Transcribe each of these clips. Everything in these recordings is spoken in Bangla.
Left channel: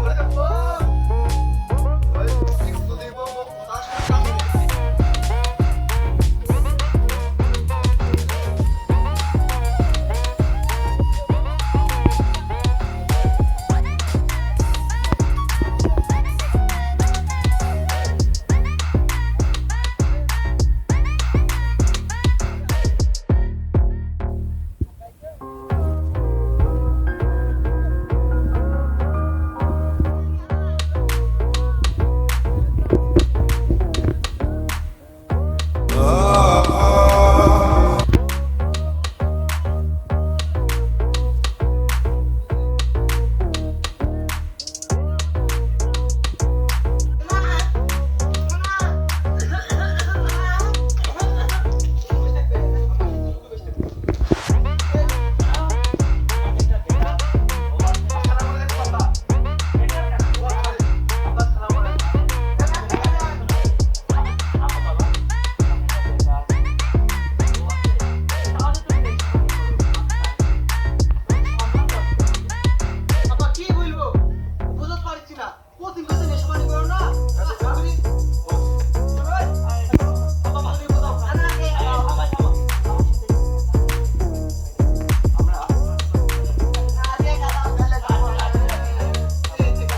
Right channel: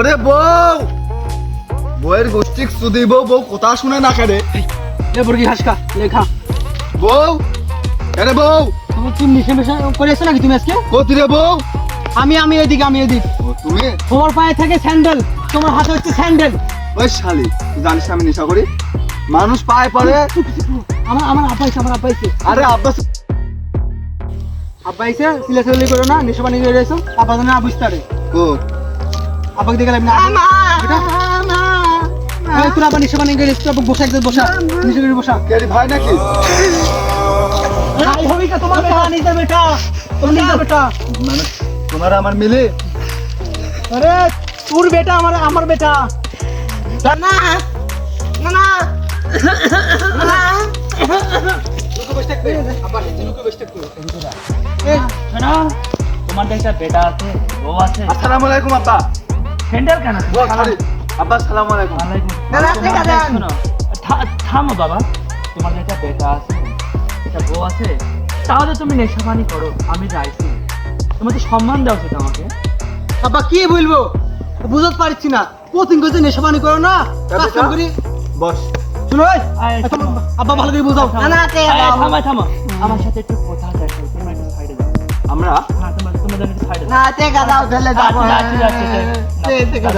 ওরে বউ, বউয়ের গোষ্ঠী সুদি বউ, বউ কথা শুনে না কেন? এ বুড়ি হাসকা লেখা বউ, আরে বউ, তুমি কি মিশে মিশে করে এসো নাকি তুমি আজকে? কোথায় রে বউ? আমি এদিকে তুমি তোমার পায়ে থাকে স্যান্ডেল, তোমার হাতে হচ্ছে স্যান্ডেল। ওই শালি, জানিস না আমি নেশা করি? মানুষ পায়ে পড়ে। আমার আব্বা এসে আরে আব্বাস, সিলেক্ট করো না, নেশা পানি করে এসো, আব্বা জানে না বুঝতে পারে। ও আব্বাকে দেখে লাভ না। তোর আবার নেশা পানি করে এসো, আব্বা বসা একদম বসা, নিচে করে বসা। কে রে ভাই নাকি? ভাই হবে কা তোমার বেটা, নিজের বেটা, তোমার নিজের বেটা। মানে তোমার আমার মিলে? আরে তোর বেটা আমার বেটা। না না না তোমার একটা বেটা আছে, বউ আছে। আসসালামু আলাইকুম আব্বা। স্যান্ডেল কেন? আব্বা আসসালামু আলাইকুম। শোনো, থামো বাবা। তোমার একটা বেটা আছে, একটা বউ আছে, তাহলে তুমি নেশা পানি করো, আমি যাইছি। তোমার তো সম্মান দেওয়া উচিত আমাকে। আব্বা কি বলবো, বুঝতে পারছি না। প্রতিদিন করে নেশা পানি করো না, কাজ কাম করি। বস। শুনো আব্বা ভালো করে বুঝাও। থামো, আমার সাথে একটু কথা দেখো, তুমি একটু সাইডে যাও। আমরা তোমাদের একটু সাইডে যাও। না টেকা দাও, ফেলে যাবো।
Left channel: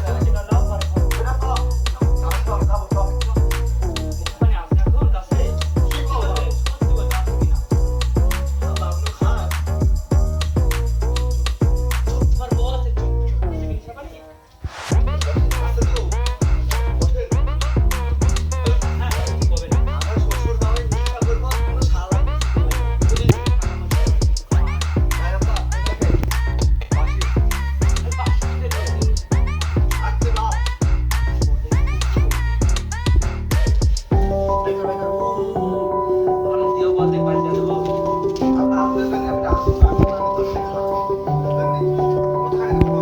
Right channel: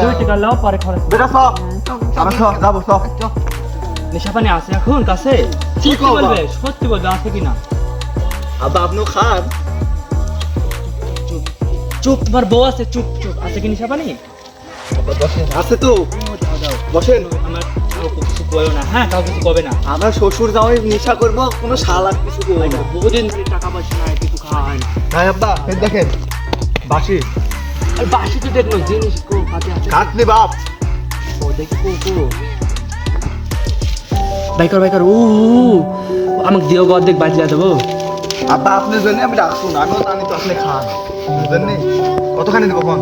দুই টাকা লাও, পরে খাবে। বেটা সব আমরা সব যাবো সব। নেশা পানি আছে এখন কাছে? সত্যি বলবে, সত্যি বলবে আছে কিনা? আব্বা আপনিও খান। চুপ, তোমার বউ আছে, চুপ চুপ। আছে কি নেশা পানি? আছে তো, বসেন। আমার কিছু বলো না, হ্যাঁ, তাও কিছু কবে না। আমরা শ্বশুর জামাই নেশা করবো, কোনো শালা কিছু করবো না। বহুদিন ধরে টাকা পয়সা নাই, কিছু খাওয়া হয় না। হ্যাঁ আব্বা, এই দেখেন বাসি আর বাসি তো দেখলো জিনিস কো হাতে আছে। খাটনি বাপ। ও দেখো কো বাইকার ও আমাকে দিও গো, অর্ধেক বাঁচিয়ে দেবো। আব্বা আপনার জন্য আমি রাখুন, আমিও জানি তো আপনি খান। আপনার জন্য কতখানি দেবো কম?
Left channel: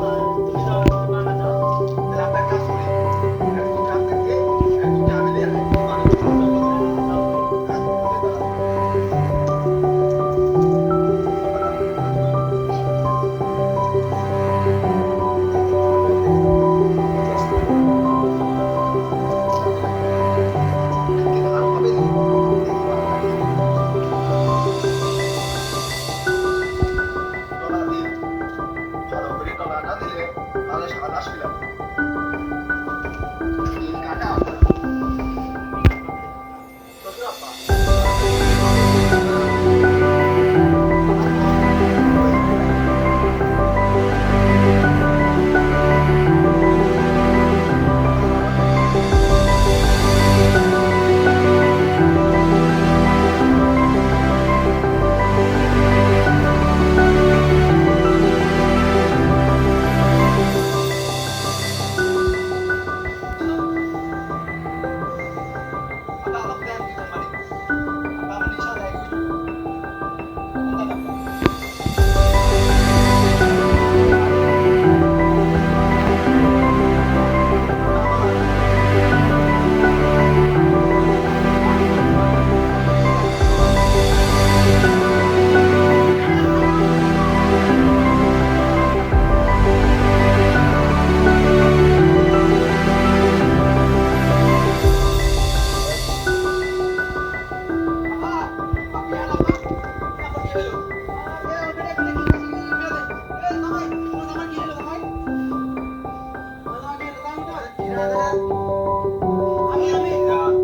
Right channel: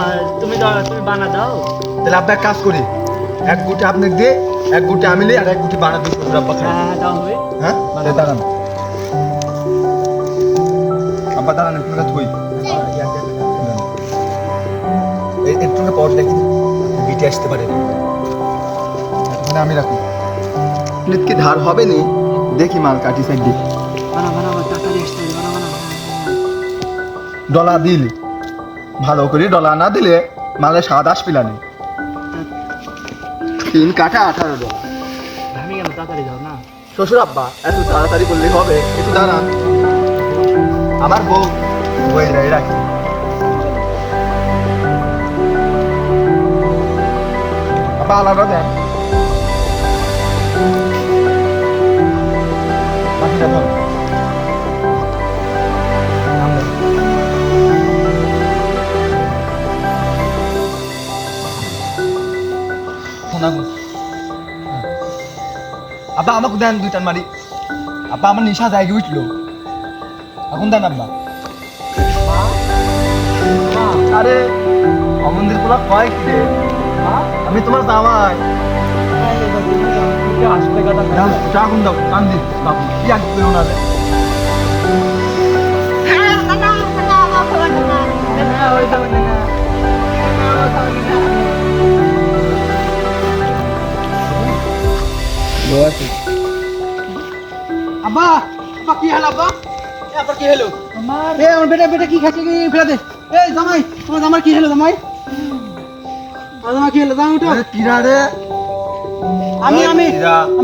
আর তুমি বানা দাও। তাহলে আপনার কাজ করি, এক গুটি আপনাকে দিয়ে, এক গুটি আমি নিই, আর এক গুটি বানাবো শ্বশুর আব্বা খাই। হ্যাঁ, দাও হবে। হ্যাঁ দাঁড়ান আব্বা, দাঁড়ান একটু থই। এই একটু পর দেখি বিটে আসতে পারে না, আমি রাখুন। প্লেট কি ধার হবে নি? দেখি মাল কাটি সাইড দিয়ে ডলা দিল, ভালো করে ডলা না দিলে মালে স্বাদ আসবে না। 3 কাটা 18 ডলা। আমি কেন তাড়াতাড়ি যাও না? শ্বশুর আব্বা এত তাড়াতাড়ি বললে হবে? একটু দাঁড়ান, আমার বউ হয়ে যায় রাখি। আব্বা আলাদা দেন। আচ্ছা তো আব্বা আমাকে দেন 2 টান মারি। আব্বা আমার নেশা জায়গা উঠলো, এখন দেন আব্বা। আরে অমন্দির তোমার ভয় কি? আমি তোমার জামাই। দাম দাও, দাম দিন, দাম কি আগে পেও না। আব্বা কি হলো আব্বা? আবার কি হলো? আমার বেটা কি খাচ্ছে কি ফেলে দে। এই জামাই, তোমার জামাই কি হলো জামাই? জামাই কি হলো? জামাই উঠো। আরে কিরা রে? আমি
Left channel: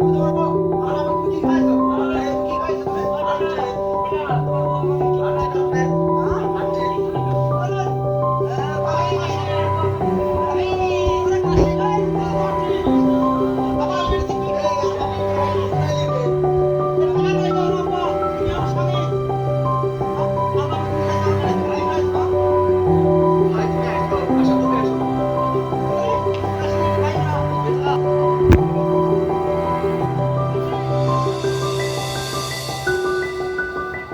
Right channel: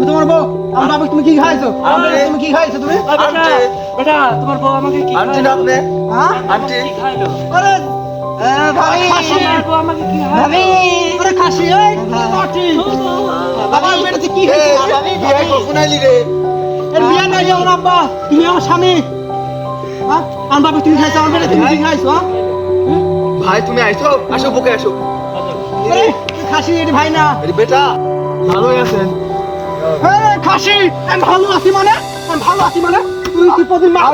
তোমার বউ। আমার বাবা তুমি কি খাইছো? তুমি কি খাইছো তুমি? বেটা তোমার বউ আমাকে কি আন্টি না আপনি? হ্যাঁ? আন্টি কি খাইলো? আরে ভাই তোমার বউ আমাকে কি ভাবি আরে খাসি এই পাটি আমার বেটা কি খাইছো ভাবি? বিয়ে কখন আইলি রে? এর বিয়ে নাই যাও না আব্বা, তুমি আমার স্বামী। হ্যাঁ আমার বাবা তুমি খাইছো, আমার বেটা তুমি কি খাইছো? ভাই তুমি আইছো, আসো বুকে আসো। আরে খাসি এর ভাই না। আরে বেটা ভালোই আছেন? আরে খাসি আমি ভালো আছি মানে? তুই কি প্রতিদিন মাল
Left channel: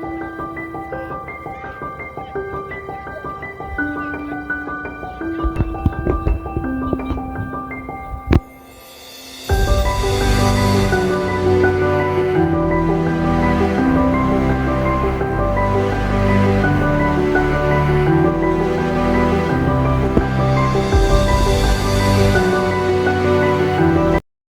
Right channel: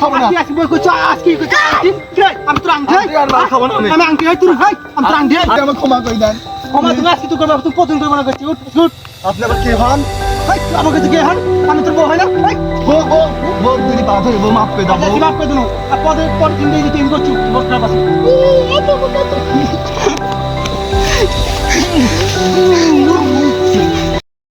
খাবো না? আজকে বল কইছো আজকে কইছো আমি তোর আংটি আর মাল খাবো না আমি আংটি হই তোর ভাই আমি তোর আংটি হই আমার ক্ষমা করে দেন। ক্ষমা তুমি আজকে তুই করবা তুই প্রতিদিন করে মনে করছিস উঠ আপনি আবার কে হন? ভাই আমার কাছে কে হন? আমি তোর বউ হয় না ভাই বউ তুমি বাধা, বউ মাফ করে দাও। কি বাপ করে দিন প্রতিদিন যদি